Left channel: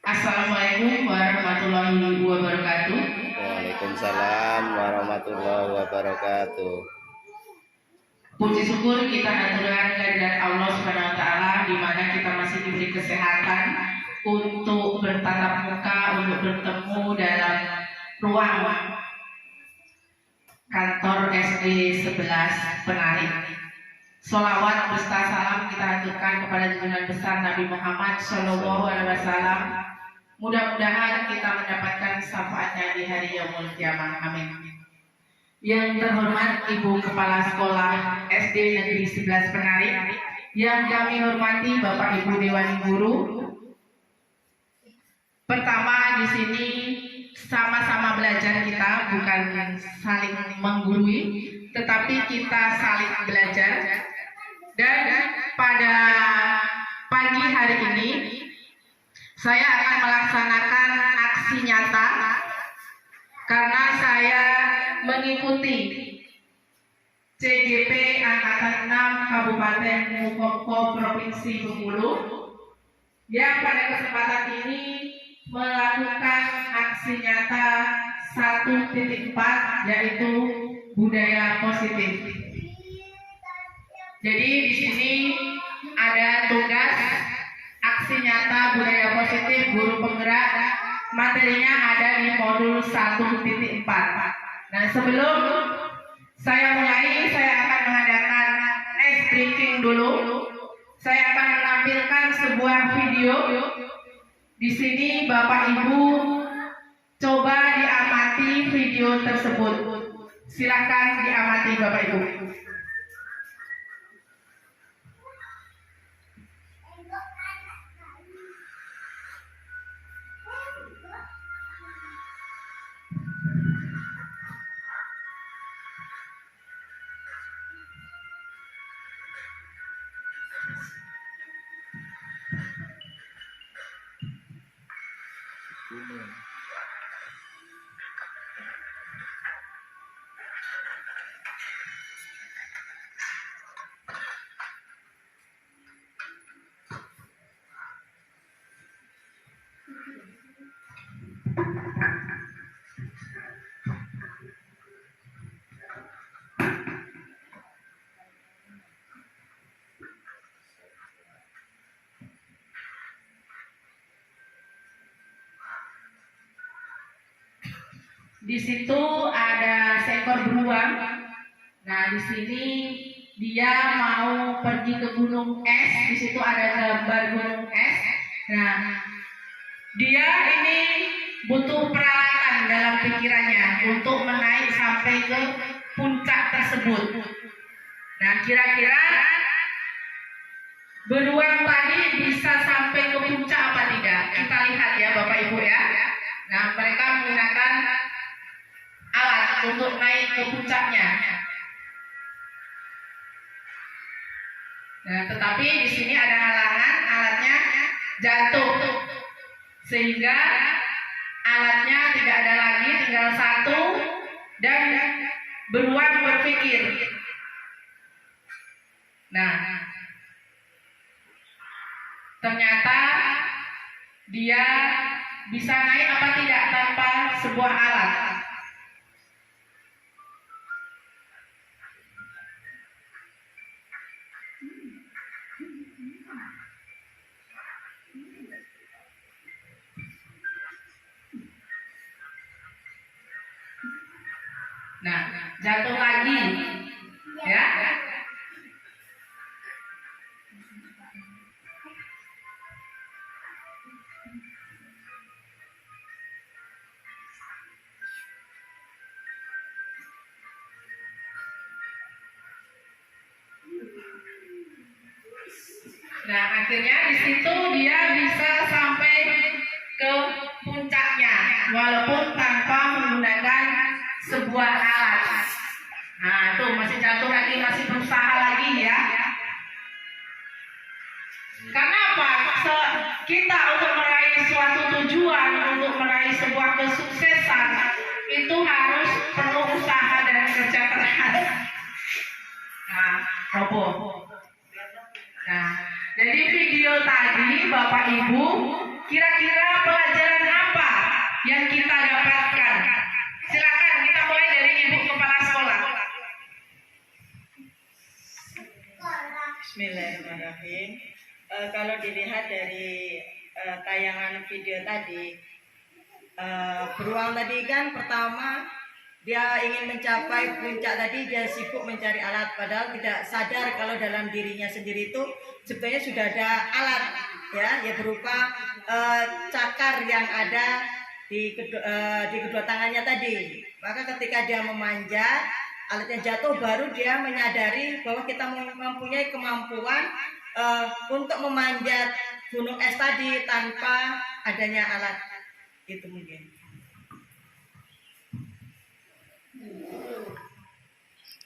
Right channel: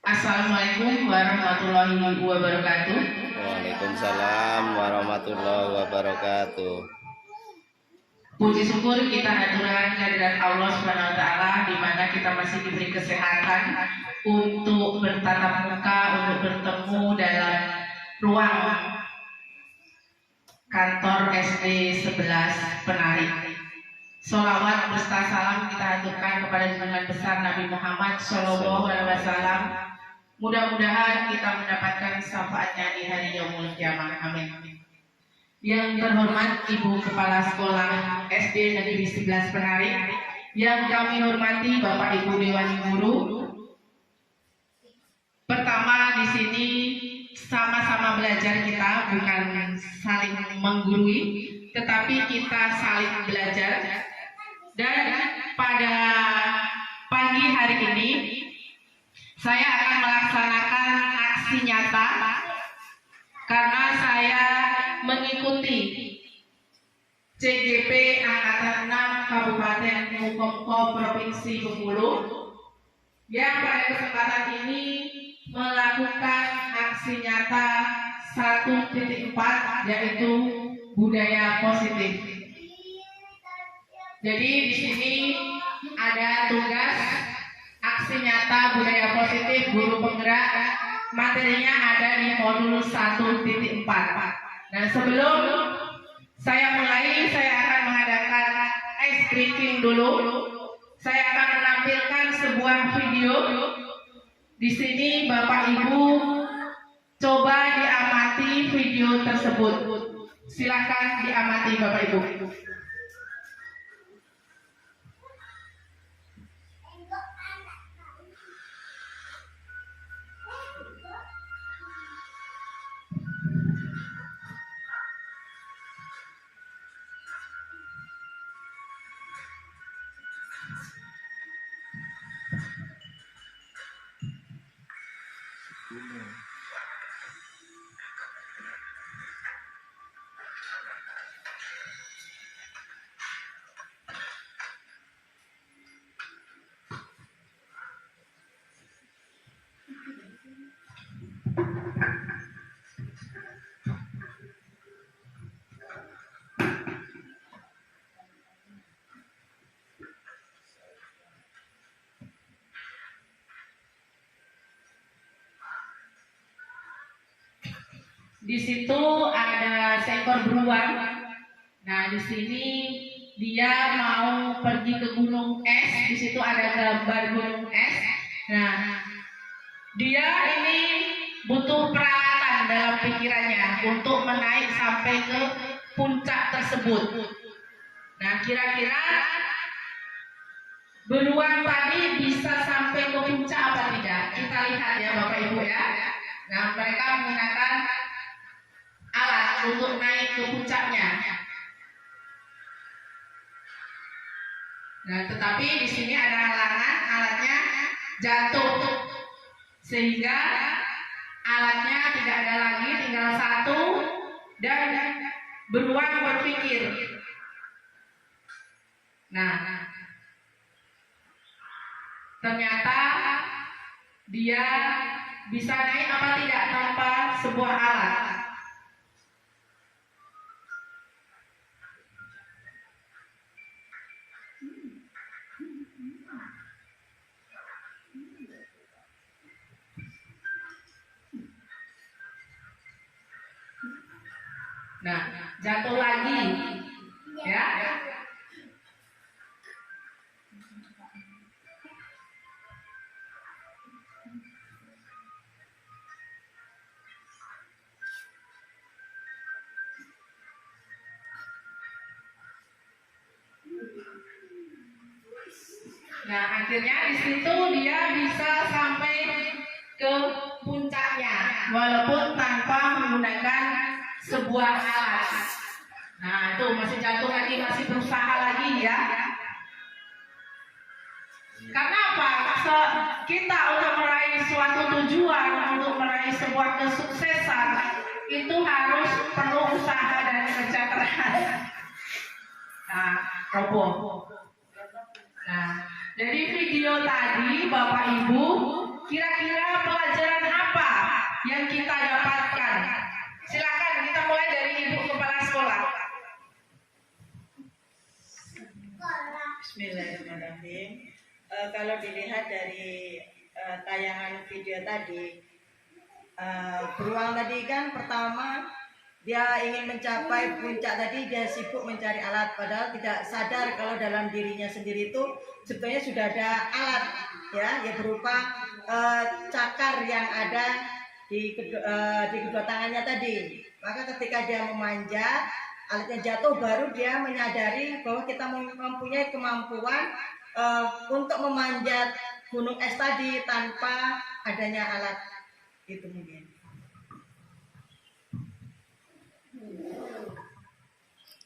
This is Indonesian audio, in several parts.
Assalamualaikum warahmatullahi wabarakatuh. Waalaikumsalam warahmatullahi wabarakatuh. Puji syukur kita haturkan kehadirat Allah Subhanahu wa taala di mana kita masih diberi kesehatan untuk bertatap muka, untuk bertemu dalam ruang kantor SD 11 Penari. Sholawat beserta salam kita haturkan kepada junjungan besar Nabi Muhammad Shallallahu Alaihi Wasallam. Mudah-mudahan kita mendapatkan syafaatnya di hari yaumul kiamah. Amin. Yang terhormat Ibu Kepala Sekolah SD Negeri 11 Penari, yang kami hormati Bapak Ibu Dewan Guru. Pertama di sini sama-sama belajar kita, bukan saling menggurui, tetapi kita saling belajar. Dan pada pagi hari ini saya akan melaksanakan aksi nyata karena saya mengikuti CGP Angkatan 6 Kabupaten Mukompo Provinsi Bengkulu yang pada kesempatan ini melakukan aksi nyata 1.4 yaitu budaya positif. Jadi di sini ada tugas aksi nyata budaya positif guru penggerak, materinya ada di modul 1.4. Nah, sebelum saya mulai, saya akan mengadakan ice breaking dulu. Saya akan menampilkan sebuah video. Di sini Bapak Ibu coba diamati video tersebut. Silakan diamati Bapak Ibu. Di situ ada seekor beruang. Nah, di sini dia mau pergi ke gunung es. Di situ ada gambar gunung es. Nah, dia ini butuh peralatan dalam pikirannya untuk menaik sampai ke puncak tersebut. Nah, kira-kira beruang tadi bisa sampai ke puncak apa tidak? Kita lihat ya Bapak Ibu ya. Nah, mereka menggunakan alat untuk naik ke puncaknya. Nah, tetapi di sini ada halangan, alatnya jatuh sehingga alatnya tidak ada lagi, tinggal satu dan beruang berpikir. Nah, ternyata dia bisa naik apa tidak tanpa sebuah alat. Nah, jatuh lagi, ya. Nah, akhirnya di situ dia bisa sampai ke puncaknya, walaupun tanpa menggunakan sebuah alat. Nah, itu masih jatuh lagi, masih berusaha lagi ya. Karena apa? Kita untuk meraih suatu tujuan, untuk meraih sebuah kesuksesan, itu harus penuh usaha dan kerja keras. Nah, roboh. Nah, jadi video tadi Bapak Ibu kira-kira yang kita dapatkan. Silakan kita mulai dari Ibu Kepala Sekolah. Bismillahirrahmanirrahim. Kalau dilihat dari tayangan video tadi, beruang tadi kan pertama dia ingin mencapai puncak tadi, dia sibuk mencari alat, padahal tidak sadar kalau dalam dirinya sendiri itu sebenarnya sudah ada alat, ya berupa cakar yang ada di kedua tangannya tadi. Maka ketika dia memanjat, alatnya jatuh, baru dia menyadari bahwa kita mempunyai kemampuan untuk memanjat gunung es tadi tanpa adanya alat itu mungkin.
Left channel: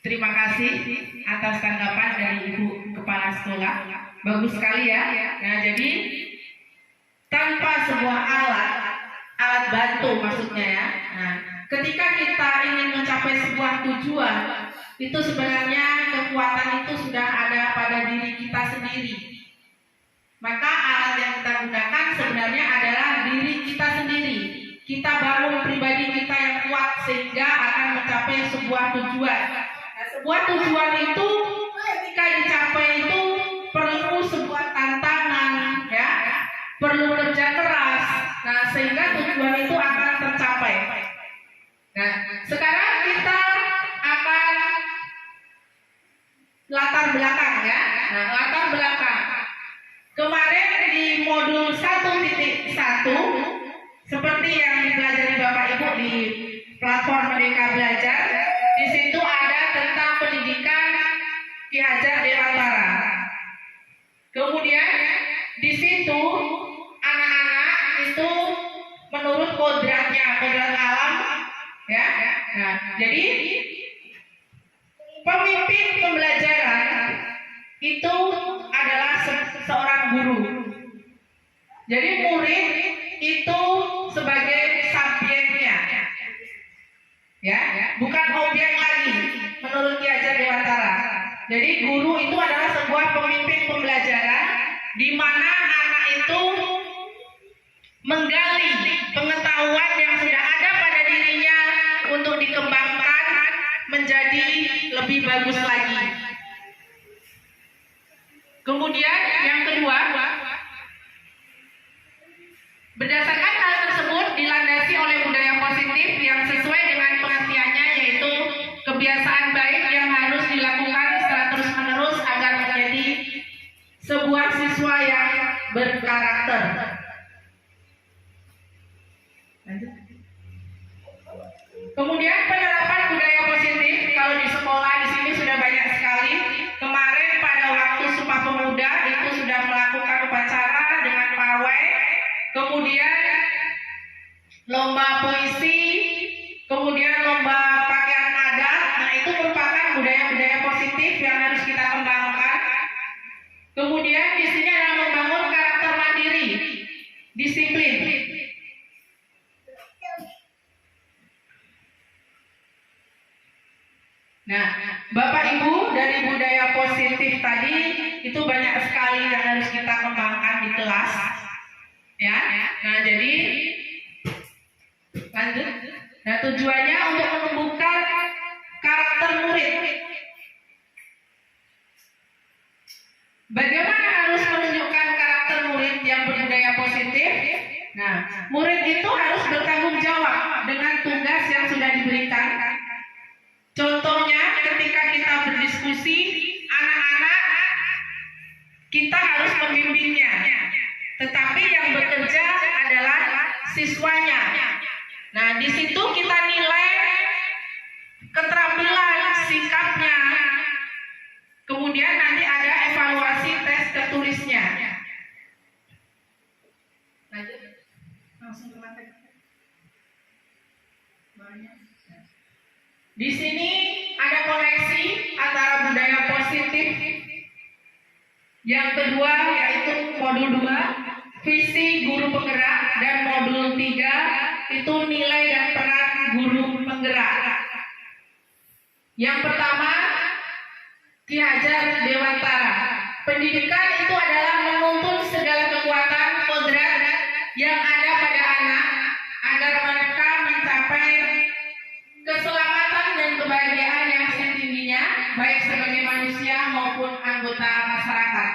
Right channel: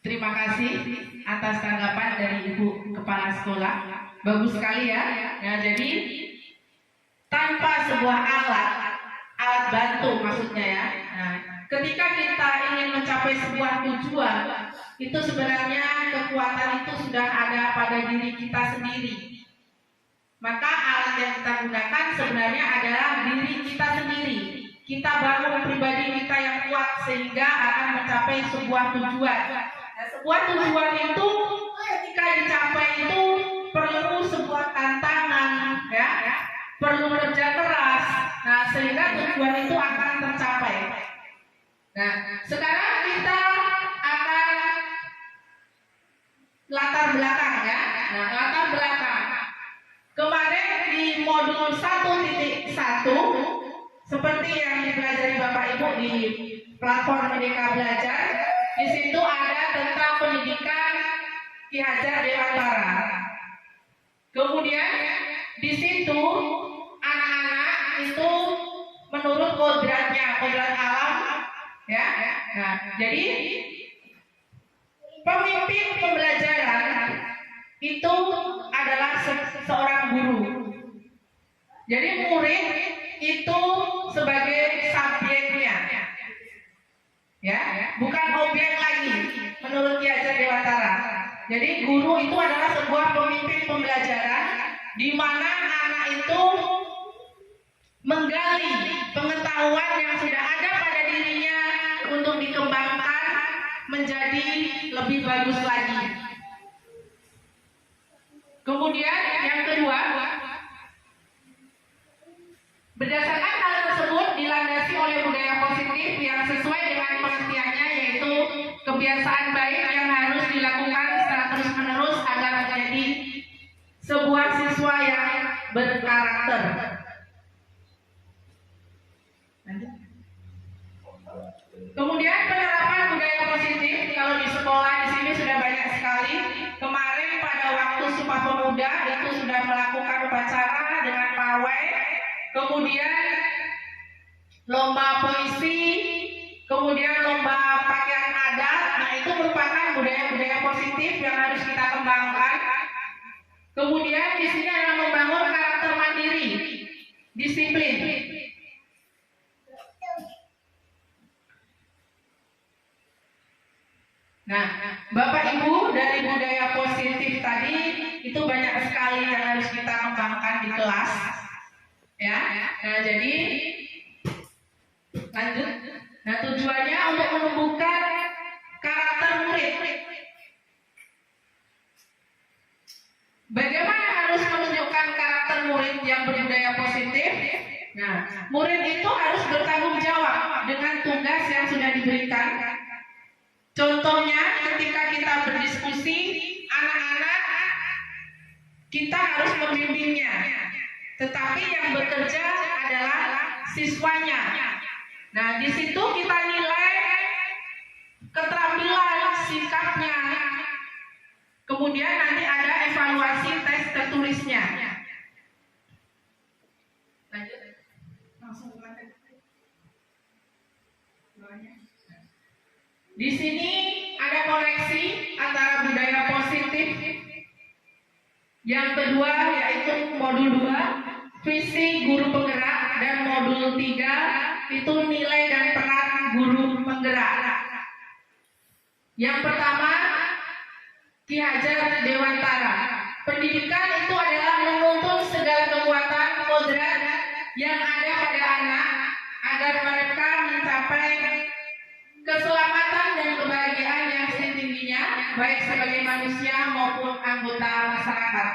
Terima kasih atas tanggapan dari Ibu Kepala Sekolah. Bagus sekali ya. Nah, jadi tanpa sebuah alat bantu maksudnya ya. Nah, ketika kita ingin mencapai sebuah tujuan, itu sebenarnya kekuatan itu sudah ada pada diri kita sendiri. Maka alat yang kita gunakan sebenarnya adalah diri kita sendiri. Kita bangun pribadi kita yang kuat sehingga akan mencapai sebuah tujuan. Nah, sebuah tujuan itu ketika dicapai itu perlu sebuah tantangan, ya, perlu kerja keras. Nah, sehingga tujuan itu akan tercapai. Nah, sekarang kita akan latar belakang ya. Nah, latar belakang. Kemarin di modul 1.1 seperti yang dipelajari Bapak Ibu di platform Merdeka Belajar, di situ ada tentang pendidikan Ki Hajar Dewantara. Kemudian di situ anak-anak itu menurut kodratnya, kodrat alam, ya. Nah, jadi pemimpin pembelajaran itu adalah seorang guru. Jadi murid itu sebagai subjeknya, ya, bukan objek lagi menurut Ki Hajar Dewantara. Jadi guru itu adalah sebuah pemimpin pembelajaran di mana anak itu menggali pengetahuan yang sudah ada pada dirinya untuk dikembangkan menjadi lebih bagus lagi. Kemudian yang kedua, berdasarkan hal tersebut dilandasi oleh budaya positif yang sesuai dengan pengertiannya, yaitu kebiasaan baik yang harus dilakukan secara terus-menerus agar menjadi sebuah siswa yang berkarakter. Lanjut. Kemudian penerapan budaya positif kalau di sekolah di sini sudah banyak sekali. Kemarin pada waktu Sumpah Pemuda itu sudah melakukan upacara dengan pawai, kemudian lomba puisi, kemudian lomba pakaian adat. Nah, itu merupakan budaya-budaya positif yang harus kita kembangkan. Kemudian di sini adalah membangun karakter mandiri, disiplin. Nah, Bapak Ibu, dari budaya positif tadi itu banyak sekali yang harus kita kembangkan di kelas, ya. Nah, jadi lanjut. Nah, tujuannya untuk menumbuhkan karakter murid. Bagaimana harus menunjukkan karakter murid yang berbudaya positif? Nah, murid itu harus bertanggung jawab dengan tugas yang sudah diberikan. Contohnya ketika kita berdiskusi, anak-anak kita harus membimbingnya, tetapi yang bekerja adalah siswanya. Nah, di situ kita nilai keterampilan sikapnya. Kemudian nanti ada evaluasi tes tertulisnya. Lanjut. Langsung ke materi. Di sini ada koneksi antara budaya positif. Yang kedua yaitu modul 2, visi guru penggerak, dan modul 3 itu nilai dan peran guru penggerak. Yang pertama, Ki Hajar Dewantara. Pendidikan itu adalah menuntun segala kekuatan kodrat yang ada pada anak agar mereka mencapai keselamatan dan kebahagiaan yang setingginya, baik sebagai manusia maupun anggota masyarakat.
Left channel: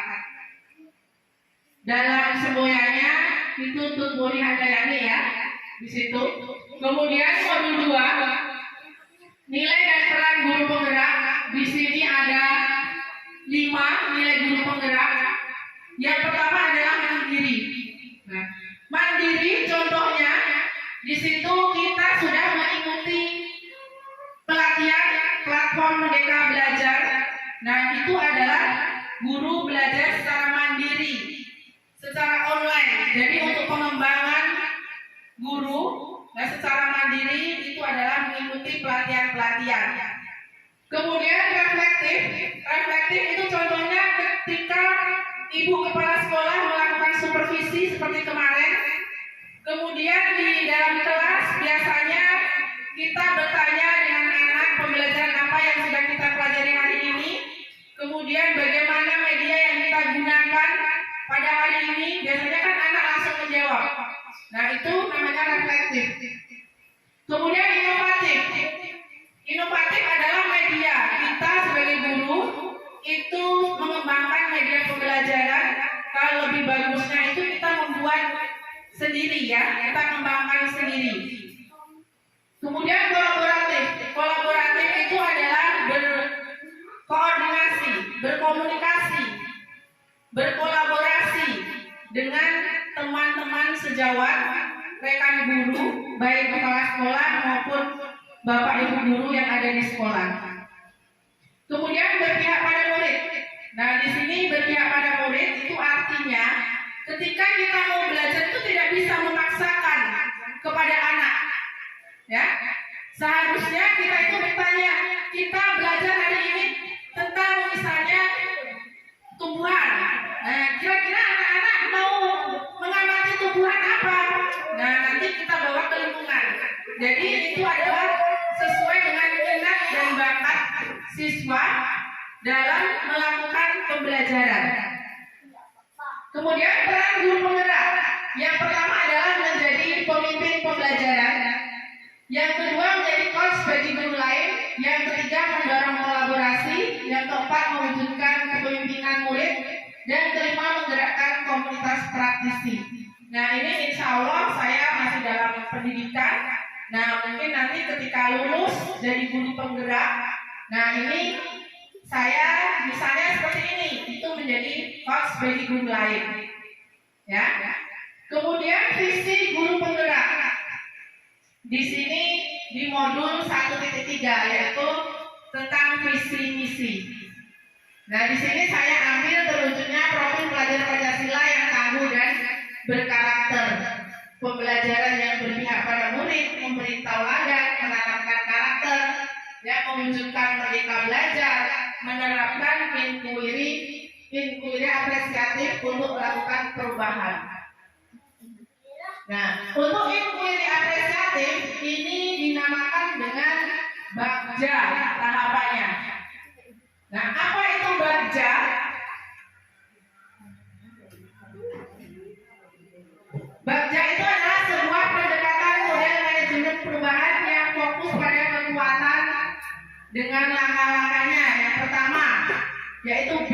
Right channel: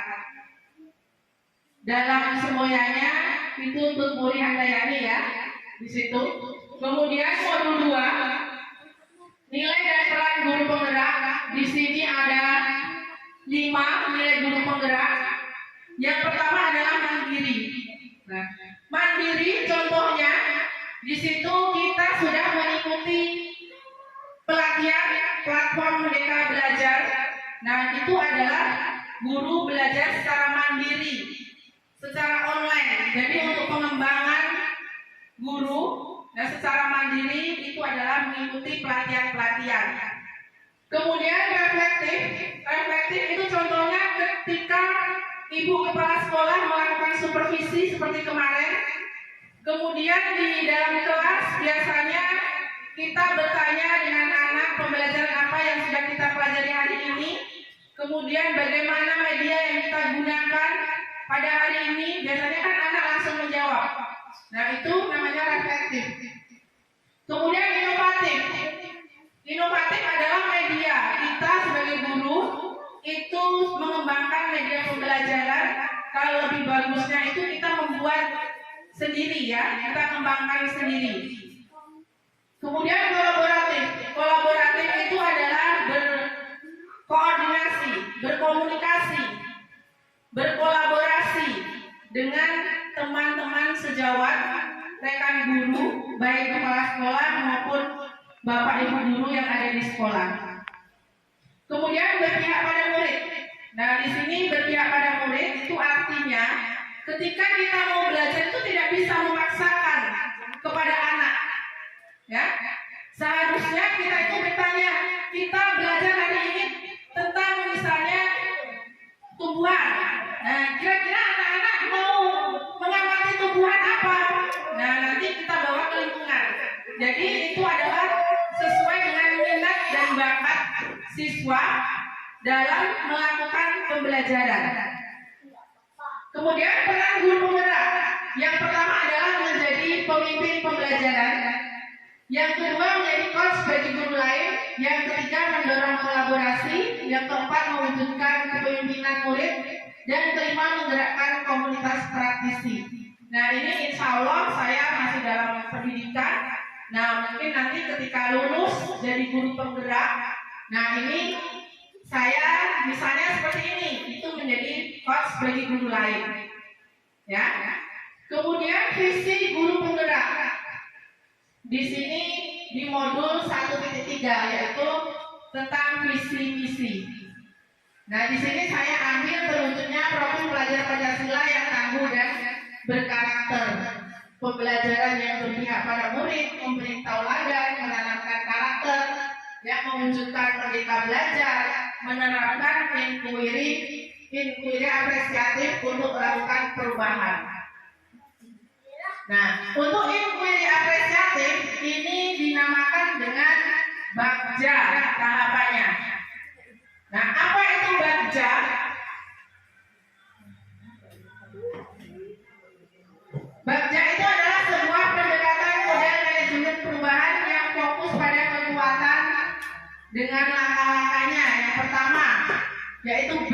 Dalam semuanya itu Tutmuri Handayani ya di situ. Kemudian modul 2 nilai dan peran guru penggerak. Di sini ada 5 nilai guru penggerak. Yang pertama adalah mandiri. Nah, mandiri contohnya di situ kita sudah mengikuti pelatihan platform Merdeka Belajar. Nah, itu adalah guru belajar secara mandiri, secara online. Jadi untuk pengembangan guru dan secara mandiri itu adalah mengikuti pelatihan-pelatihan. Kemudian reflektif itu contohnya ketika ibu kepala sekolah melakukan supervisi seperti kemarin. Kemudian di dalam kelas biasanya kita bertanya dengan anak pembelajaran apa yang sudah kita pelajari hari ini. Kemudian bagaimana media yang kita gunakan pada hari ini. Biasanya kan anak langsung menjawab. Nah, itu namanya reflektif. Kemudian inovatif. Inovatif adalah media. Kita sebagai guru itu mengembangkan media pembelajaran. Kalau lebih bagusnya itu kita membuat sendiri ya, kita kembangkan sendiri. Kemudian kolaboratif. Kolaboratif itu adalah berkoordinasi, berkomunikasi, berkolaborasi dengan teman-teman sejawat, rekan guru, baik kepala sekolah maupun bapak ibu guru yang ada di sekolah. Kemudian berpihak pada murid. Nah, di sini berpihak pada murid itu artinya ketika kita mau belajar itu tidak bisa memaksakan kepada anak. Ya, seharusnya kita itu bertanya, kita belajar hari ini tentang misalnya tumbuhan. Nah, kira-kira anak-anak mau mengamati tumbuhan apa? Nah, nanti kita bawa ke lingkungan. Jadi itu adalah sesuai dengan minat dan bakat siswa dalam melakukan pembelajaran. Kemudian peran guru penggerak. Yang pertama adalah menjadi pemimpin pembelajaran. Yang kedua menjadi coach bagi guru lain. Yang ketiga mendorong kolaborasi. Yang keempat mewujudkan kepemimpinan murid. Dan kelima menggerakkan komunitas praktisi. Nah, ini insya Allah saya masih dalam pendidikan. Nah, mungkin nanti ketika lulus jadi guru penggerak, nah ini saya misalnya seperti ini, itu menjadi coach bagi guru lain. Ya. Kemudian visi guru penggerak. Di sini di modul 1.3 yaitu tentang visi misi. Nah, di sini saya ambil terwujudnya profil pelajar Pancasila yang tangguh dan berkarakter. Pembelajaran yang berpihak pada murid, memberi tauladan, menanamkan karakter, yang mewujudkan merdeka belajar, menerapkan inquiry apresiatif untuk melakukan perubahan. Nah, untuk inquiry apresiatif ini dinamakan dengan Bagja tahapannya. Nah, apa itu Bagja? Bagja itu adalah sebuah pendekatan model manajemen perubahan yang fokus pada kekuatan dengan langkah-langkahnya. Yang pertama yaitu B.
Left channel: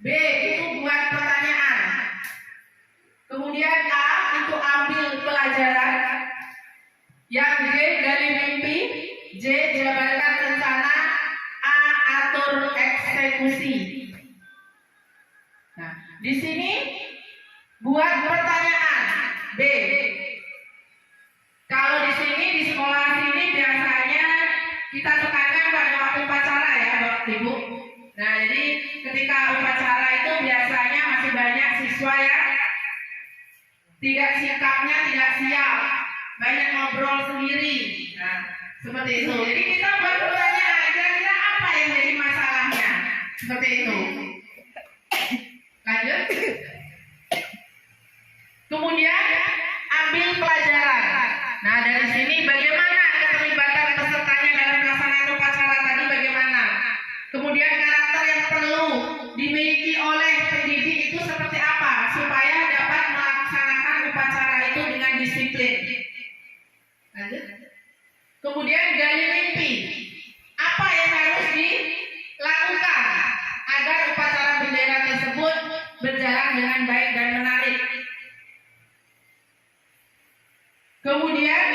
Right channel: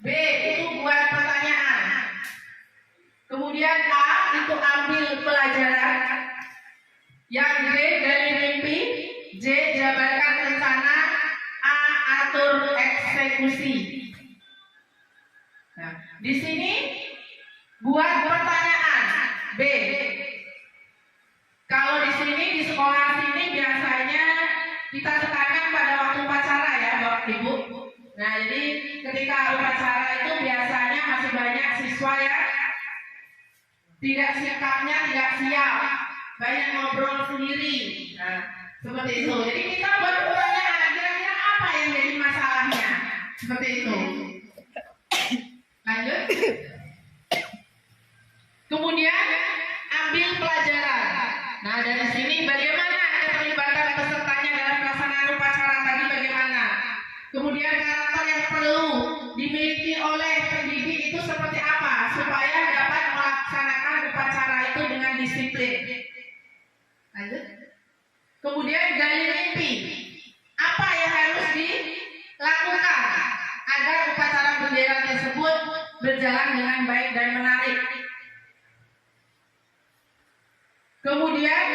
B itu buat pertanyaan. Kemudian A itu ambil pelajaran. Yang D gali mimpi. J jabarkan rencana. A atur eksekusi. Nah, di sini buat pertanyaan B. Kalau di sini di sekolah sini biasanya kita tekankan pada waktu upacara ya, Bapak Ibu. Nah, jadi ketika upacara itu biasanya masih banyak siswa ya tidak sikapnya tidak siap, banyak ngobrol sendiri. Nah, seperti itu. Jadi kita buat pertanyaan, kira-kira apa yang jadi masalahnya? Seperti itu. Lanjut. Kemudian ambil pelajaran. Nah, dari sini bagaimana keterlibatan pesertanya dalam pelaksanaan upacara tadi bagaimana? Kemudian karakter yang perlu dimiliki oleh pendidik itu seperti apa? Kemudian gali mimpi. Apa yang harus dilakukan agar upacara bendera tersebut berjalan dengan baik dan menarik? Kemudian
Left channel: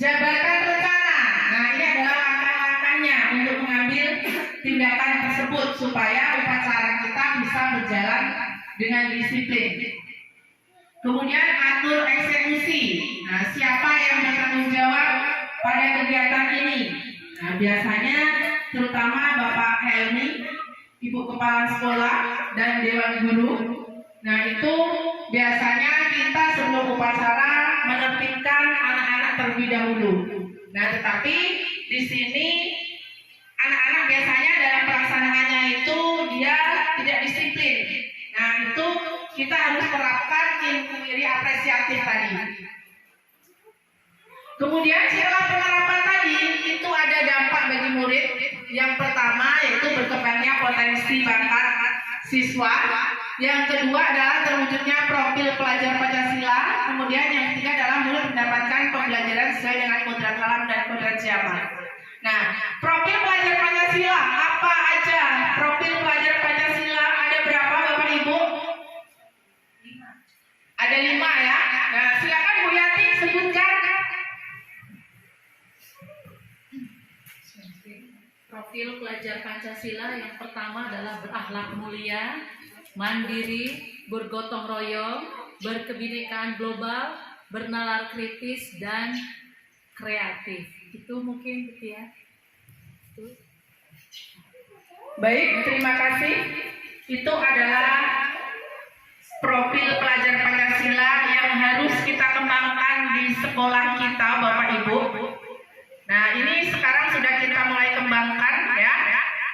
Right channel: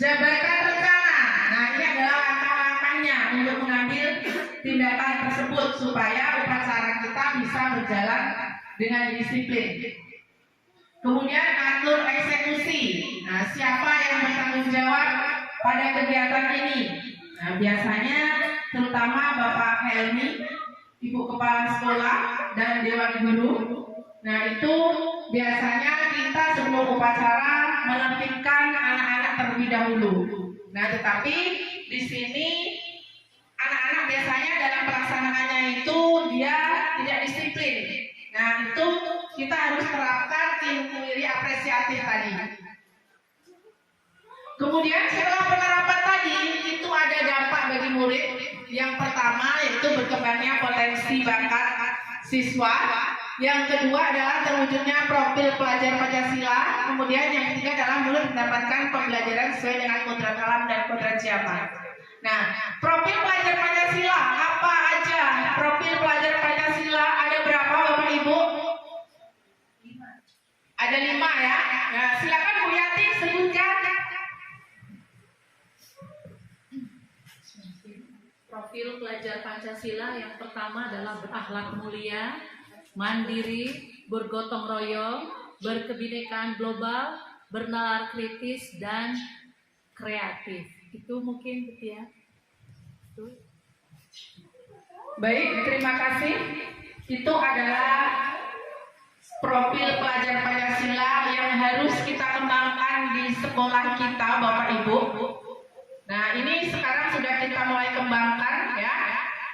jabarkan rencana. Nah, ini adalah langkah-langkahnya untuk mengambil tindakan tersebut supaya upacara kita bisa berjalan dengan disiplin. Kemudian atur eksekusi. Nah, siapa yang bertanggung jawab pada kegiatan ini? Nah, biasanya terutama Bapak Helmi, Ibu Kepala Sekolah, dan Dewan Guru. Nah, itu biasanya kita sebelum upacara menertibkan anak-anak terlebih dahulu. Nah, tetapi di sini anak-anak biasanya dalam pelaksanaannya itu dia tidak disiplin. Nah, itu kita harus terapkan ilmu iri apresiatif tadi. Kemudian setelah penerapan tadi itu ada dampak bagi murid. Yang pertama yaitu berkembangnya potensi bakat siswa. Yang kedua adalah terwujudnya profil pelajar Pancasila. Kemudian yang ketiga adalah murid mendapatkan pembelajaran sesuai dengan kodrat alam dan kodrat zaman. Nah, profil pelajar Pancasila apa aja? Profil pelajar Pancasila ada berapa Bapak Ibu? Ada 5 ya. Nah, silakan Bu Yati sebutkan. Profil pelajar Pancasila yang pertama adalah berakhlak mulia, mandiri, bergotong royong, berkebinekaan global, bernalar kritis, dan kreatif. Itu mungkin gitu ya. Itu. Baik, terima kasih. Itu adalah profil pelajar Pancasila yang harus kita kembangkan di sekolah kita, Bapak Ibu. Nah, ini sekarang sudah kita mulai kembangkan ya.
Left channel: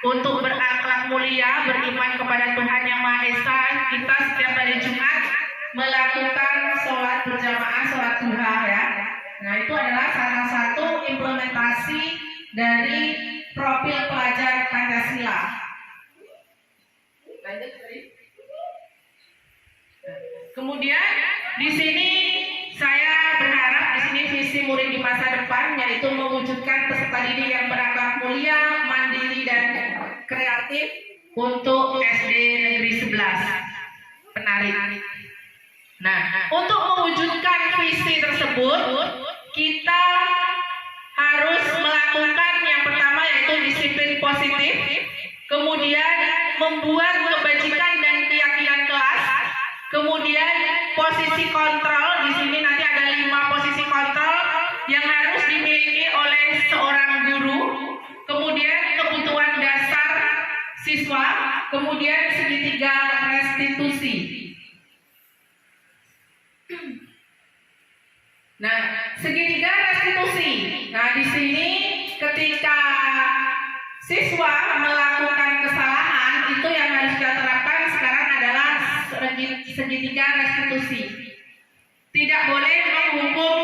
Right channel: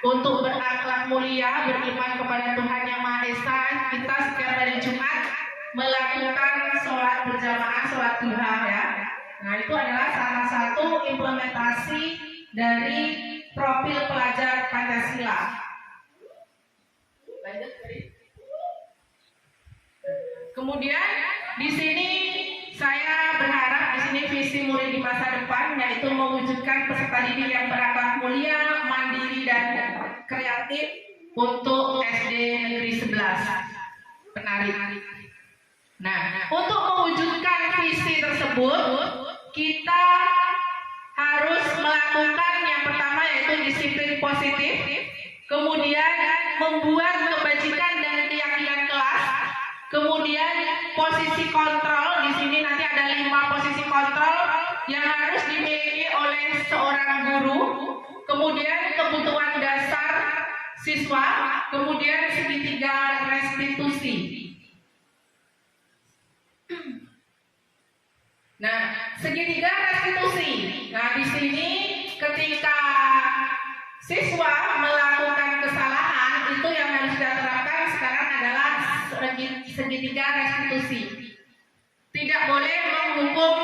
Untuk berakhlak mulia, beriman kepada Tuhan Yang Maha Esa, kita setiap hari Jumat melakukan sholat berjamaah, sholat duha ya. Nah, itu adalah salah satu implementasi dari profil pelajar Pancasila. Kemudian di sini saya berharap di sini visi murid di masa depan yaitu mewujudkan peserta didik yang berakhlak mulia, mandiri dan kreatif untuk SD Negeri 11 Penarik. Nah, untuk mewujudkan visi tersebut kita harus melakukan yang pertama yaitu disiplin positif, kemudian membuat kebajikan dan keyakinan kelas. Kemudian posisi kontrol, di sini nanti ada 5 posisi kontrol yang harus dimiliki oleh seorang guru. Kemudian kebutuhan dasar siswa, kemudian segitiga restitusi. Nah, segitiga restitusi. Nah, di sini ketika siswa melakukan kesalahan itu yang harus kita terapkan sekarang adalah segitiga restitusi. Tidak boleh menghukum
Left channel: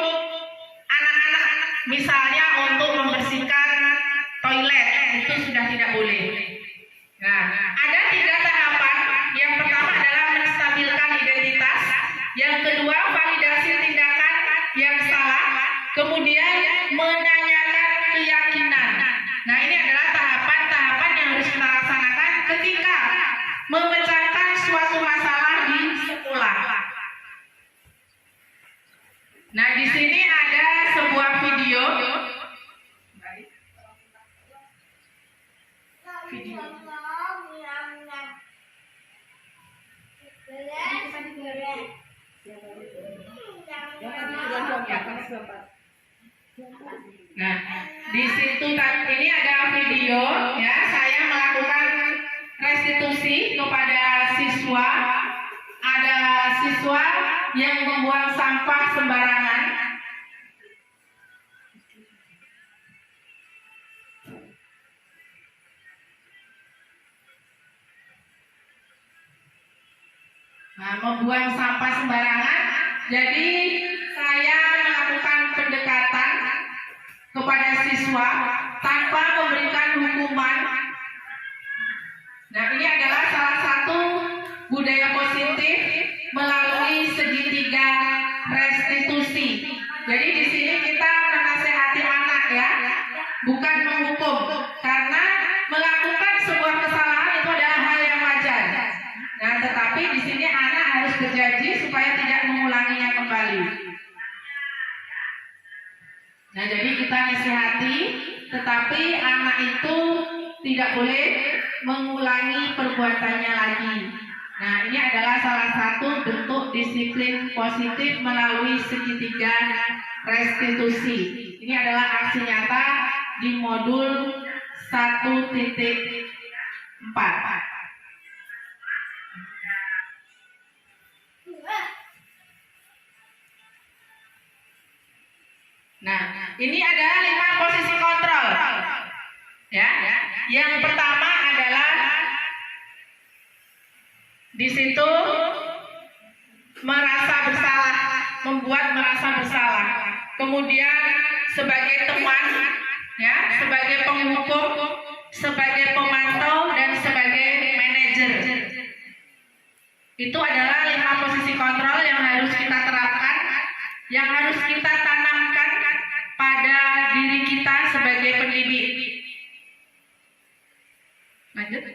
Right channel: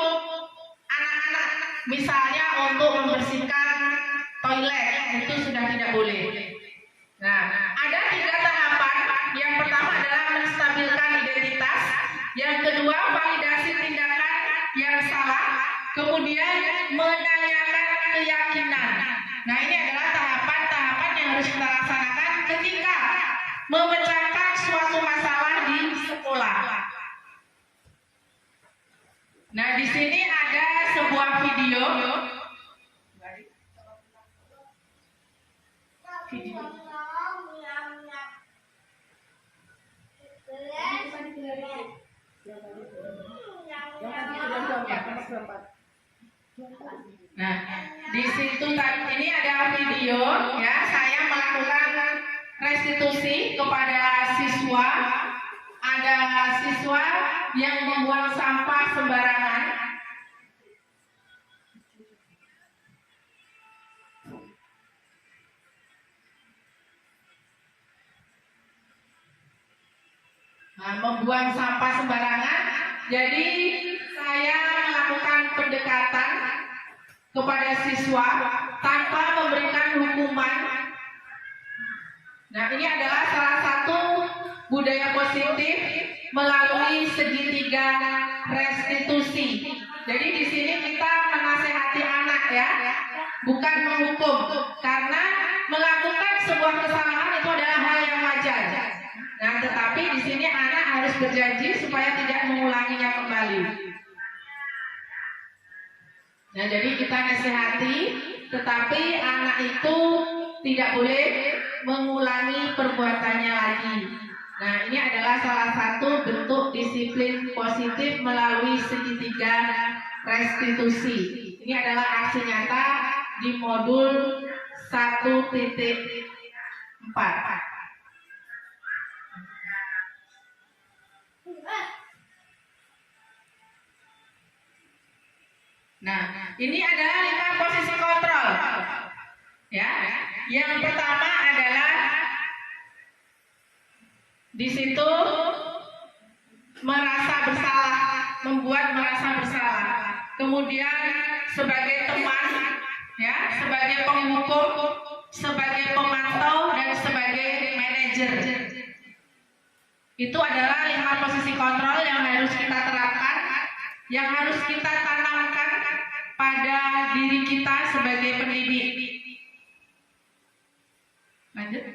anak-anak misalnya untuk membersihkan toilet, itu sudah tidak boleh. Nah, ada 3 tahapan. Yang pertama adalah menstabilkan identitas, yang kedua validasi tindakan yang salah, kemudian menyanyikan keyakinan. Nah, ini adalah tahapan-tahapan yang harus kita laksanakan ketika memecahkan suatu masalah di sekolah. Nah, di sini ada sebuah video. Nah, di situ ini ada video ya, saya melakukan restitusi kepada siswa. Ada siswa yang membuang sampah sembarangan. Nah, membuang sampah sembarangan. Jadi saya melakukan pendekatan kepada siswa tanpa memberikan hukuman. Nah, ini adalah salah satu budaya positif melalui segitiga restitusi. Jadi di sini kita menasehati anak ya, bukan menghukum. Karena melakukan sebuah kesalahan itu adalah hal yang wajar. Nah, tetapi di sini anak harus berjanji supaya tidak mengulanginya kembali. Nah, jadi kita nasihati, tetapi anak itu tidak boleh mengulangi perbuatannya lagi. Nah, ini adalah salah satu bentuk disiplin positif melalui segitiga restitusi. Ini adalah aksi nyata di modul 1.4. Nah, ini adalah 5 posisi kontrol. Ya, yang pertama adalah di situ merasa bersalah, membuat merasa bersalah. Kemudian sebagai teman, ya, sebagai penghukum, sebagai pemantau dan sebagai manajer. Itu adalah 5 posisi kontrol yang harus kita terapkan, yang harus kita tanamkan pada diri kita sebagai pendidik. Lanjut.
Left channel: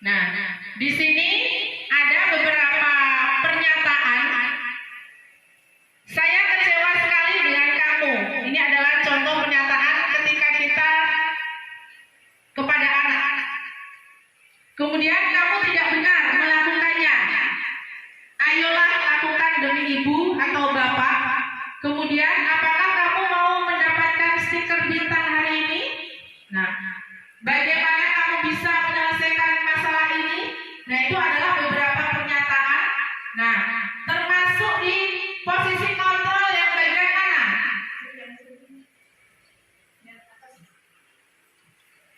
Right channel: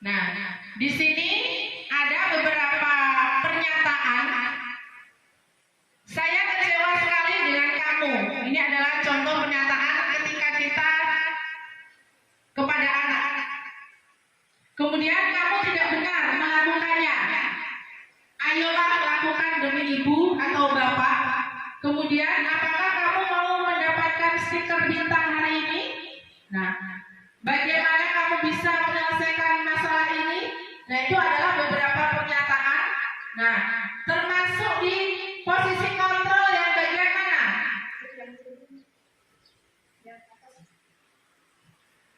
Nah, di sini ada beberapa pernyataan. Saya kecewa sekali dengan kamu. Ini adalah contoh pernyataan ketika kita kepada anak. Kemudian kamu tidak benar melakukannya. Ayolah lakukan demi ibu atau bapak. Kemudian apakah kamu mau mendapatkan stiker bintang hari ini? Nah, bagaimana kamu bisa menyelesaikan masalah ini? Nah, itu adalah beberapa pernyataan. Nah, termasuk di posisi kontrol yang bagian mana?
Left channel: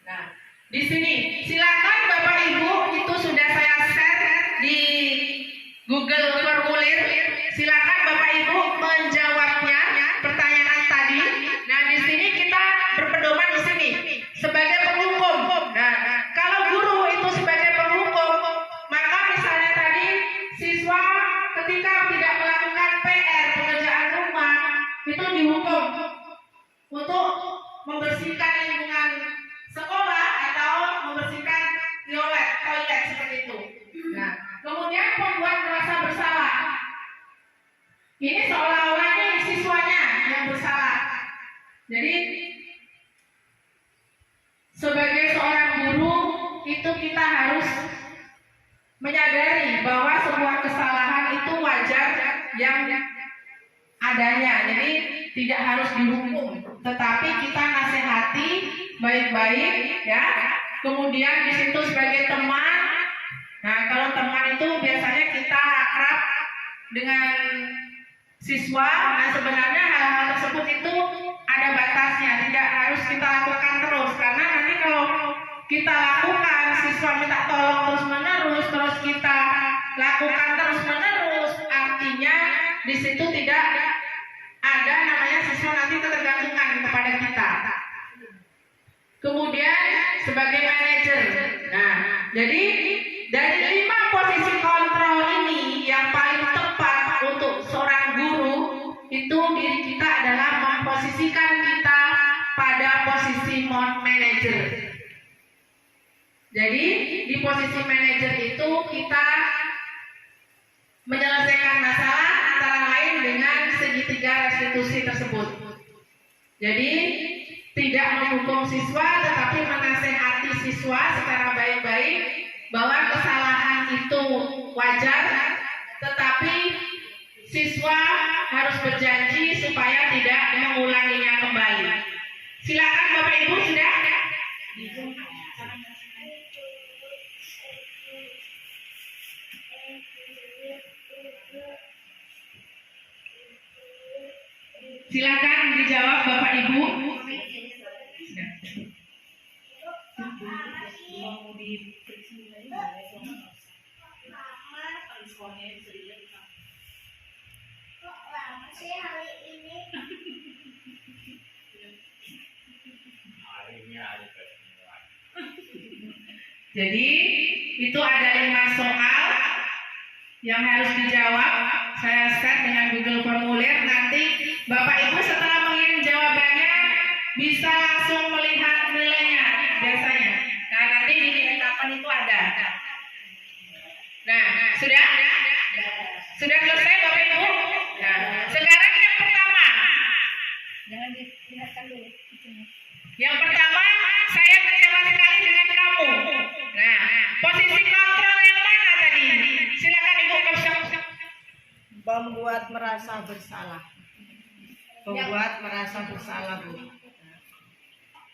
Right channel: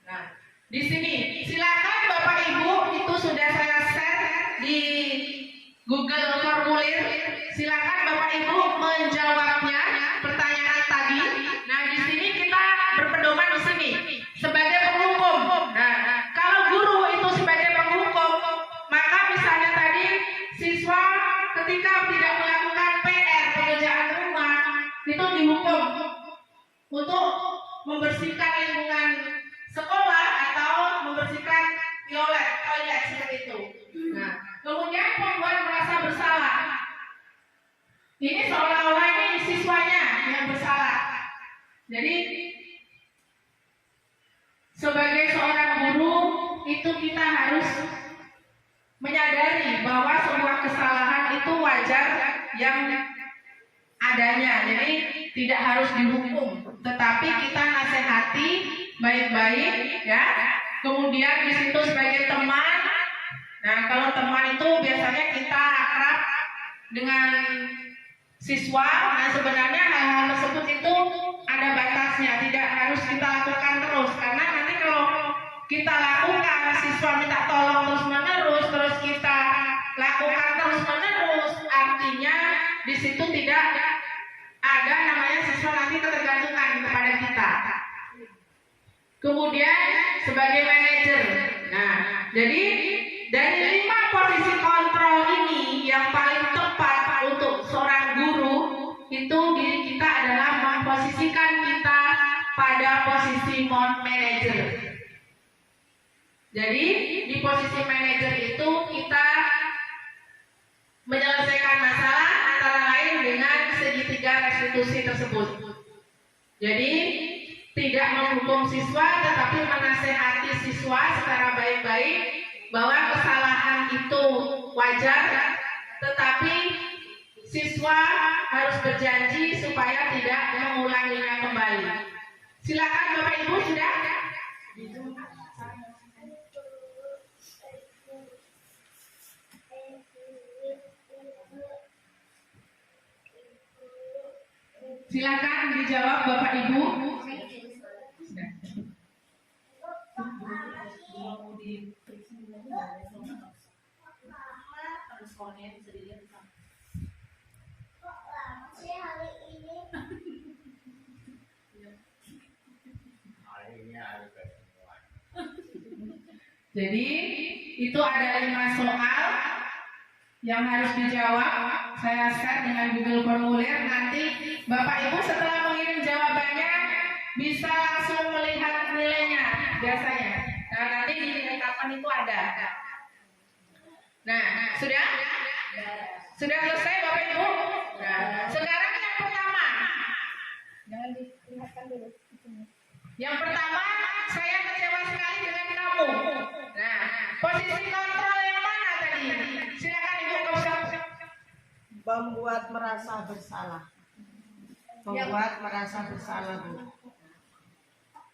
Nah, di sini silakan Bapak Ibu, itu sudah saya share di Google Formulir. Silakan Bapak Ibu menjawabnya pertanyaan tadi. Nah, di sini kita berpedoman di sini sebagai penghukum. Nah, kalau guru itu sebagai penghukum, maka misalnya tadi siswa ketika tidak melakukan PR pekerjaan rumah itu dihukum untuk membersihkan lingkungan sekolah atau membersihkan toilet seperti itu. Nah, kemudian membuat merasa bersalah. Ini seolah-olah ini siswanya yang bersalah. Jadi sebagai seorang guru itu kita harus menyadari bahwa sebuah kesalahan itu wajar yang adanya. Jadi tidak harus dihukum, tetapi kita nasihati baik-baik, ya. Kemudian di situ sebagai teman. Nah, kalau teman itu biasanya kita akrab dengan siswa. Nah, sebenarnya hal-hal tersebut itu ada batasnya, tidak harus kita lakukan terus. Karena nanti kalau kita lakukan, siswa minta tolong terus-menerus, terus kita lakukan terus-menerus, artinya di situ tidak ada namanya siswa nanti ketergantungan kepada kita. Kemudian sebagai manajer. Nah, jadi dari 5 posisi kontrol ini yang paling tepat untuk seorang guru itu diri kita adalah memposisikan kita pada posisi manajer. Jadi di posisi manajer itu kita menyelesaikan masalah antara lain dengan segitiga restitusi tersebut. Jadi tidak menghukum siswa, tetapi menasehati siswa secara baik-baik bahwa kesalahan itu wajar, tetapi siswa harus berjanji supaya tidak mengulanginya kembali. Silakan Bapak Ibu, sudah ada? Silakan dijawab Bapak Ibu. Jadi itu ada 5 soal yang harus dijawab. Saya share dengan Google Formulir. Nanti Bapak Ibu setelah mengirim jawabannya bisa langsung melihat nilainya biasanya. Nah, nanti di rekapan itu ada. Nah, sudah? Sudah selesai Bapak Ibu? Nah, sekarang yang pertama. Jangan dilihatkan dulu. Yang pertama, saya kecewa sekali dengan kamu. Nah, posisi kontrol yang mana tadi? Silakan Ibu Kapsa. Membuat merasa bersalah. Membuat merasa bersalah, Bu.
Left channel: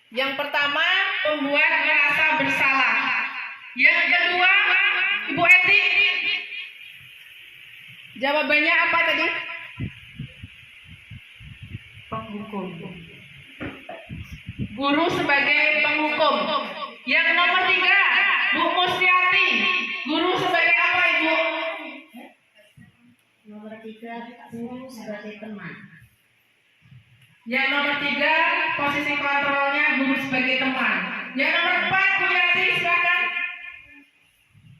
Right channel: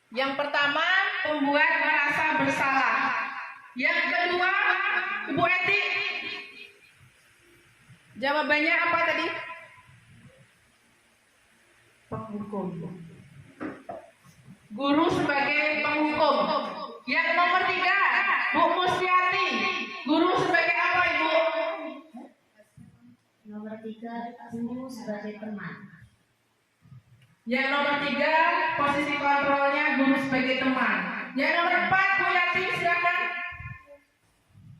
Yang pertama, membuat merasa bersalah. Yang kedua, Ibu Eti. Jawabannya apa tadi? Penghukum. Guru sebagai penghukum. Yang nomor 3, Bu Mustiati. Guru sebagai apa Ibu? Nomor 3, guru sebagai teman. Yang nomor 3, posisi kontrolnya guru sebagai teman. Yang nomor 4, Bu Yati, silakan.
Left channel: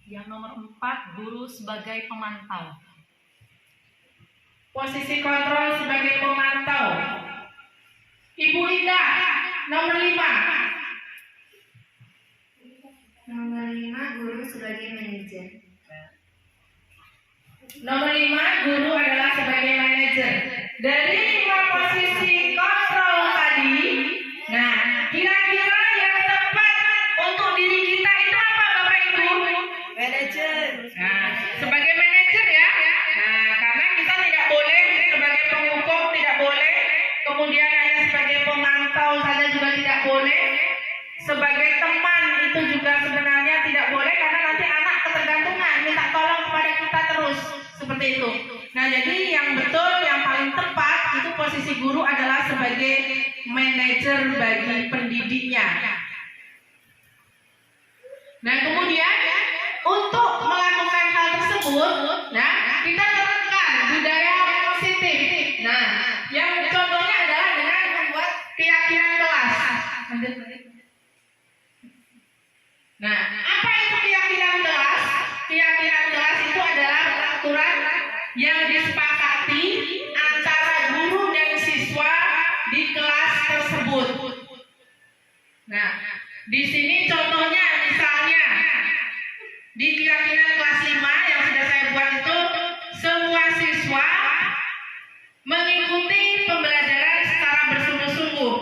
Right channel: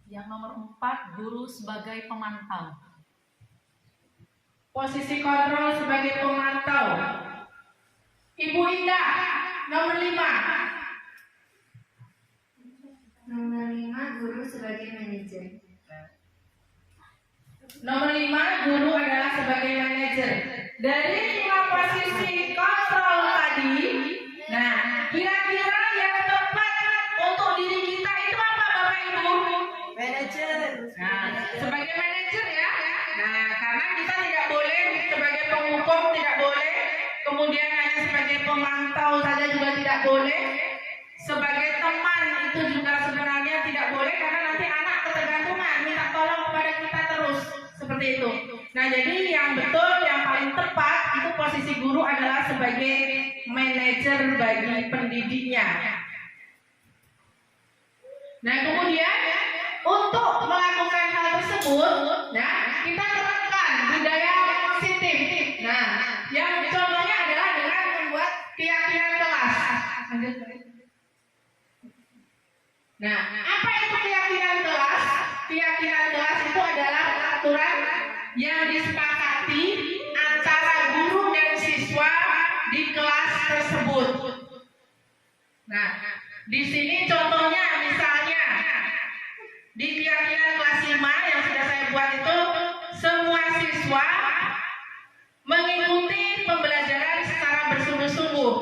Yang nomor 4, guru sebagai pemantau. Posisi kontrol sebagai pemantau. Ibu Indah, nomor 5. Nomor 5, guru sebagai manajer. Nomor 5, guru adalah sebagai manajer. Dari 5 posisi kontrol tadi, nah, kira-kira yang tepat untuk diri kita itu apa Bapak Ibu? Manajer. Nah, sebagai manajer ya. Nah, karena kita tidak boleh sebagai penghukum, tidak boleh. Kemudian hanya sebagai pemantau saja juga tidak boleh. Sebagai teman itu juga sebenarnya tidak boleh karena nanti anak ketergantungan minta tolong kepada kita terus seperti itu. Nah, jadi yang betul, yang paling tepat itu posisi guru adalah sebagai manajer bagi pendidiknya. Nah, kemudian untuk melakukan hal tersebut, nah, kita terapkan budaya positif. Nah, yang contohnya adalah dengan membuat keyakinan kelas. Lanjut. Nah, apa itu keyakinan kelas? Keyakinan kelas itu adalah aturan yang disepakati antara guru dan siswa di kelas tersebut. Nah, di sini contohnya misalnya di keyakinan kelas 5 yang sudah saya buat itu, semua siswa mengikuti pembelajaran secara bersungguh-sungguh.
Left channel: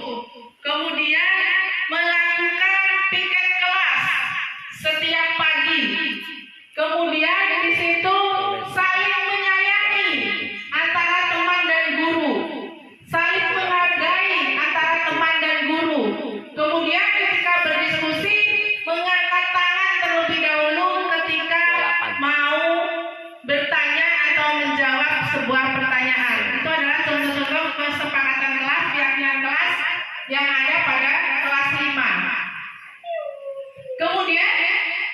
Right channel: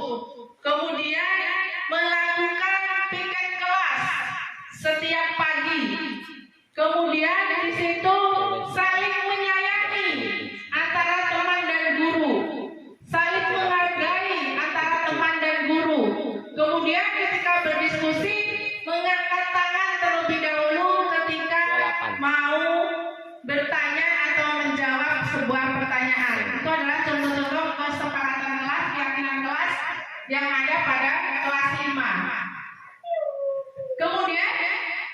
Kemudian melakukan piket kelas setiap pagi. Kemudian di situ saling menyayangi antara teman dan guru, saling menghargai antara teman dan guru. Kemudian ketika berdiskusi mengangkat tangan terlebih dahulu ketika mau bertanya atau menjawab sebuah pertanyaan. Itu adalah contoh-contoh kesepakatan kelas, keyakinan kelas yang ada pada kelas 5. Kemudian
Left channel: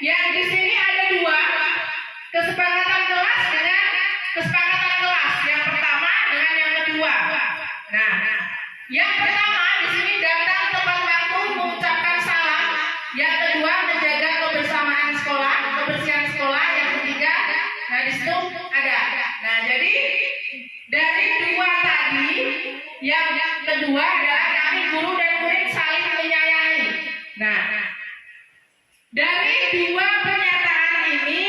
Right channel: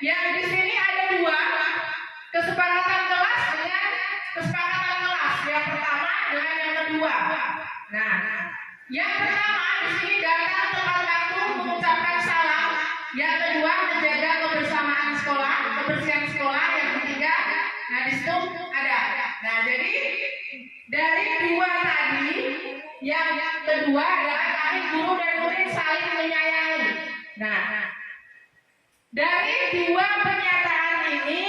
yang di sini ada 2 kesepakatan kelas dengan kesepakatan kelas. Yang pertama dengan yang kedua. Nah, yang pertama di sini datang tepat waktu mengucapkan salam. Yang kedua menjaga kebersamaan sekolah, kebersihan sekolah. Yang ketiga, nah di situ ada. Nah, jadi dari 2 tadi, yang kedua adalah kami guru dan murid saling menyayangi. Nah, dari 2 pernyataan ini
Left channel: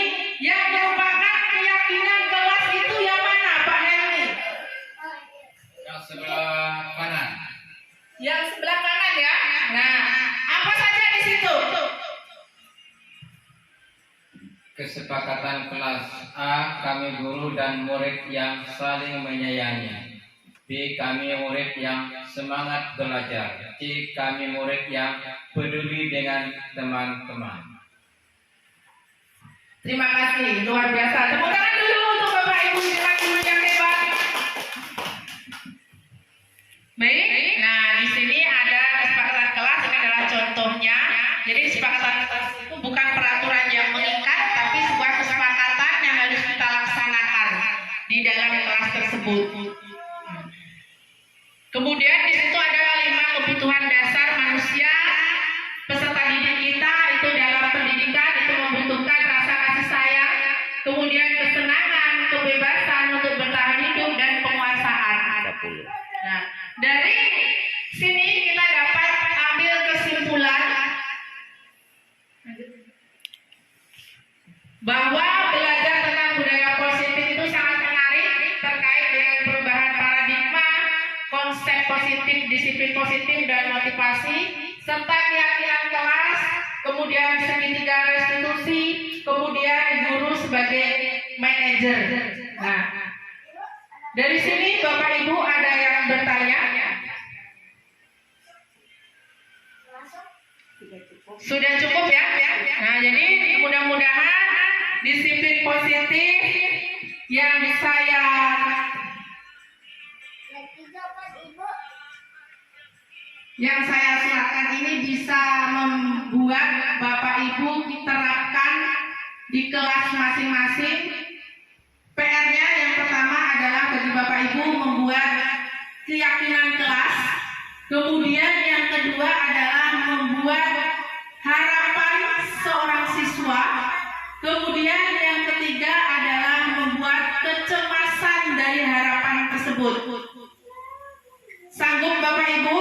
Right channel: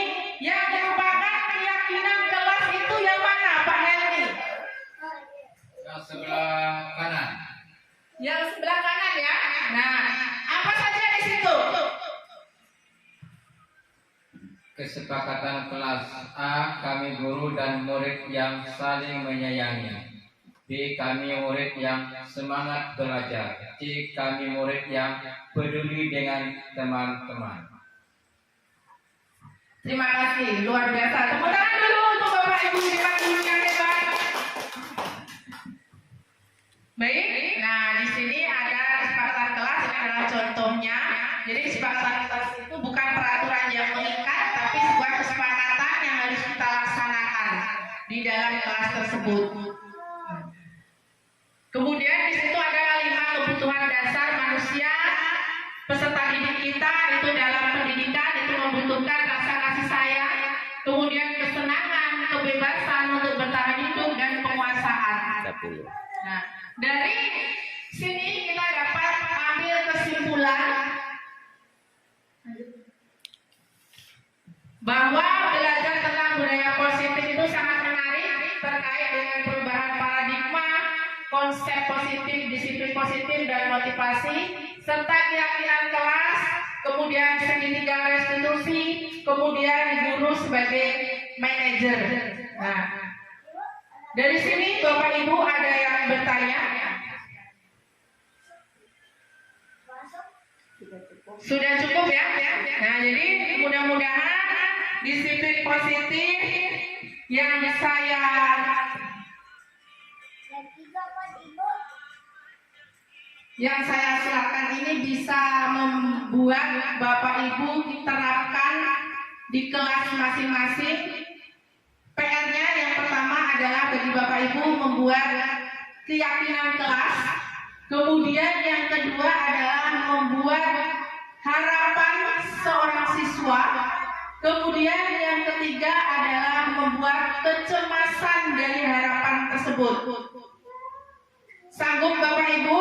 yang merupakan keyakinan kelas itu yang mana Pak Helmi? Yang sebelah kanan. Yang sebelah kanan ya. Nah, apa saja di situ? Kesepakatan kelas A, kami guru dan murid yang saling menyayangi. B, kami murid yang semangat belajar. C, kami murid yang peduli dengan teman-teman. Terima kasih, luar biasa. Tepuk tangan dulu untuk Bapak Ibu guru yang hebat. Baik, nah di sini ada kesepakatan kelas, ini adalah contohnya. Jadi kesepakatan kelas itu bukan peraturan yang mengikat, tapi sebuah kesepakatan yang harus kita laksanakan di dalam kelas tersebut. Kemudian di situ ada 5 kebutuhan dasar manusia. Peserta didik kita itu dalam pendidikan itu membutuhkan rasa kasih sayang, kemudian kesenangan, kebebasan untuk bertahan hidup dan penguasaan. Nah, dari sini kita dapat ambil kesimpulan bahwa belajar tentang budaya positif itu sangat menarik terkait dengan perubahan paradigma, konsep positif, disiplin positif, dan motivasi, serta keyakinan kelas, kemudian segitiga restitusi, kemudian guru sebagai manajer. Nah, dari sini Bapak Ibu ada yang bertanya? Sudah cukup ya? Nah, jadi mudah-mudahan disiplin positif yang saya silakan ini bisa membuat Bapak Ibu diterapkan di kelas masing-masing. PR-nya yang pertama adalah bagi Bapak Ibu membuat keyakinan kelas. Kemudian yang kedua adalah membuat harapan seorang siswa. Kemudian yang ketiga adalah membuat kecemasan dari harapan tersebut. Sanggup Bapak Ibu?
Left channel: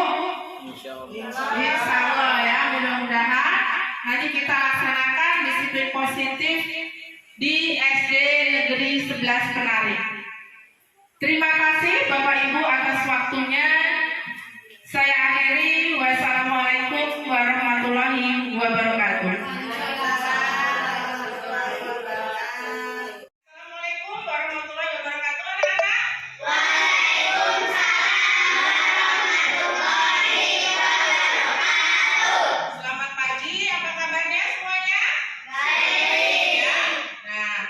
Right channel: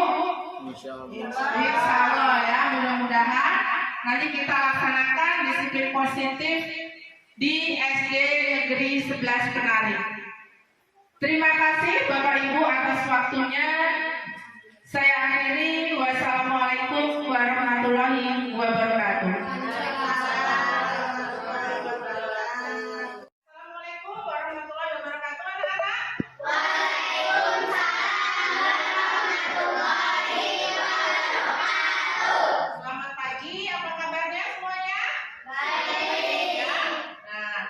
Insya Allah ya, mudah-mudahan nanti kita laksanakan disiplin positif di SD Negeri 11 Penari. Terima kasih Bapak Ibu atas waktunya. Saya akhiri. Wassalamualaikum warahmatullahi wabarakatuh. Assalamualaikum warahmatullahi wabarakatuh, anak-anak. Selamat pagi, apa kabarnya semuanya? Baik. Ya. Nah,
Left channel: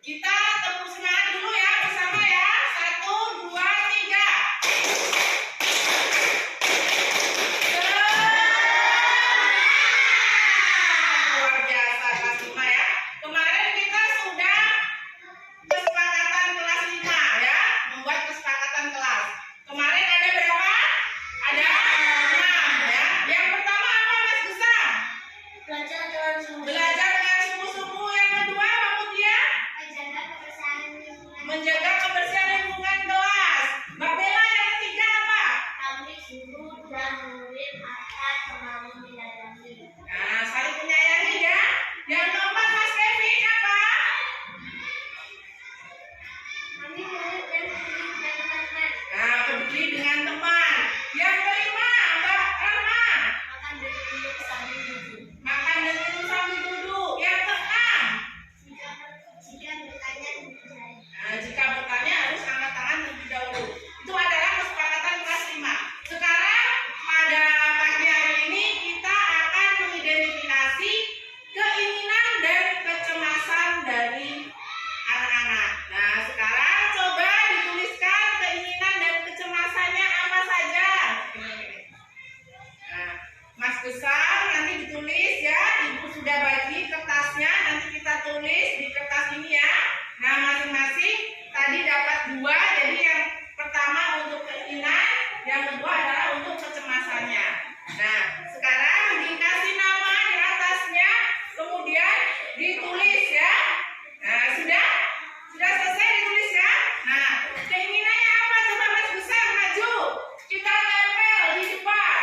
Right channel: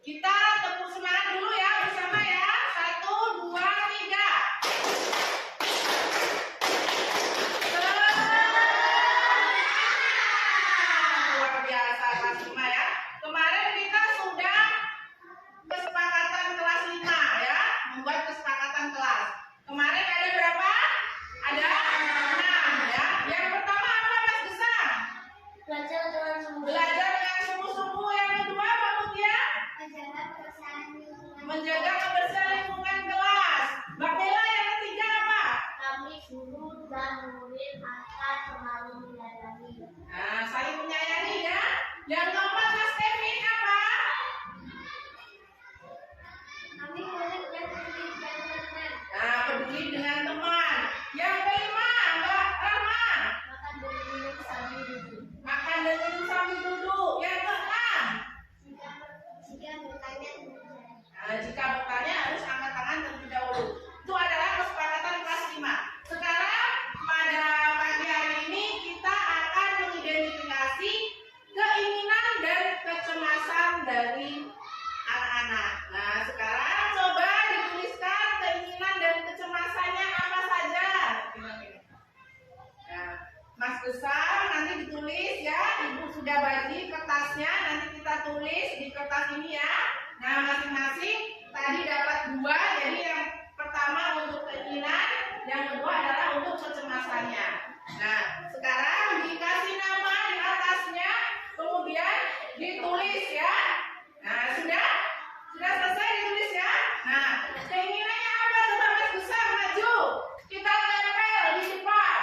kita tepuk semangat dulu ya bersama ya. 1, 2, 3. Luar biasa kelas 5 ya. Kemarin kita sudah kesepakatan kelas 5 ya, membuat kesepakatan kelas. Kemarin ada berapa? Ada 6 ya. Yang pertama apa Mas Gesang? Belajar dengan sungguh-sungguh. Yang kedua Mbak Mutia? Menjaga kebersihan lingkungan kelas. Mbak Bella yang ketiga apa? Nah, saling menyayangi ya. Yang keempat Mas Kevin apa? Nah, peduli dengan teman. Yang kelima Mbak Rahma. Makan dan minum sambil duduk. Yang keenam. Nah, jika bertanya harus angkat tangan terlebih dahulu. Itu adalah kesepakatan kelas 5. Sekarang pada pagi hari ini kita akan mengidentifikasi keinginan dan kecemasan dari anak-anak. Nah, sekarang coba dituliskan keinginan dan kecemasannya apa saja. Nah, Mas Gesang nanti ditulis ya. Ibu sudah bagi kertasnya, nanti kita tulis di kertas ini ya. Nah, masing-masing tadi dapat 2, jadi yang pertama untuk keinginan, yang kedua adalah untuk kecemasannya. Nah, sekarang dikasih nama di atasnya, kemudian ditulis ya. Nah, sudah selesai ditulis ya. Nah, keinginannya apa? Coba Mas Gesang maju. Kita tempel di depan.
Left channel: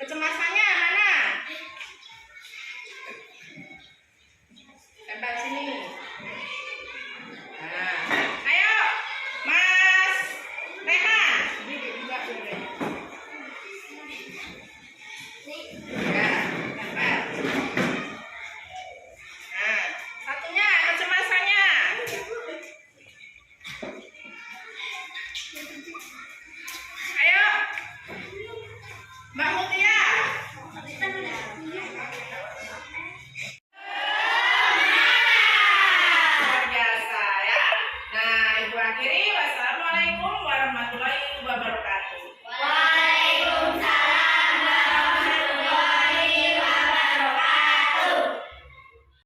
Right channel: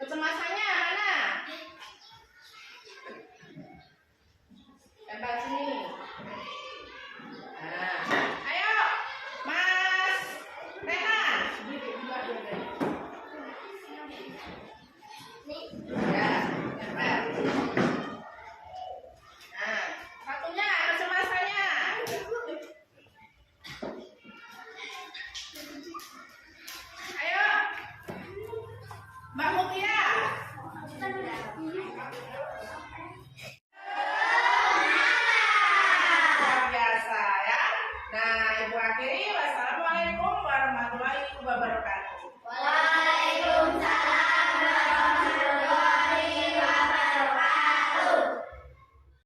Kecemasannya mana? Tempel sini. Nah, ayo, Mas Rehan. Ya, tempel. Nah, satunya kecemasannya. Ayo, Mbak Mutia. Luar biasa ya. Nah, Ibu akhiri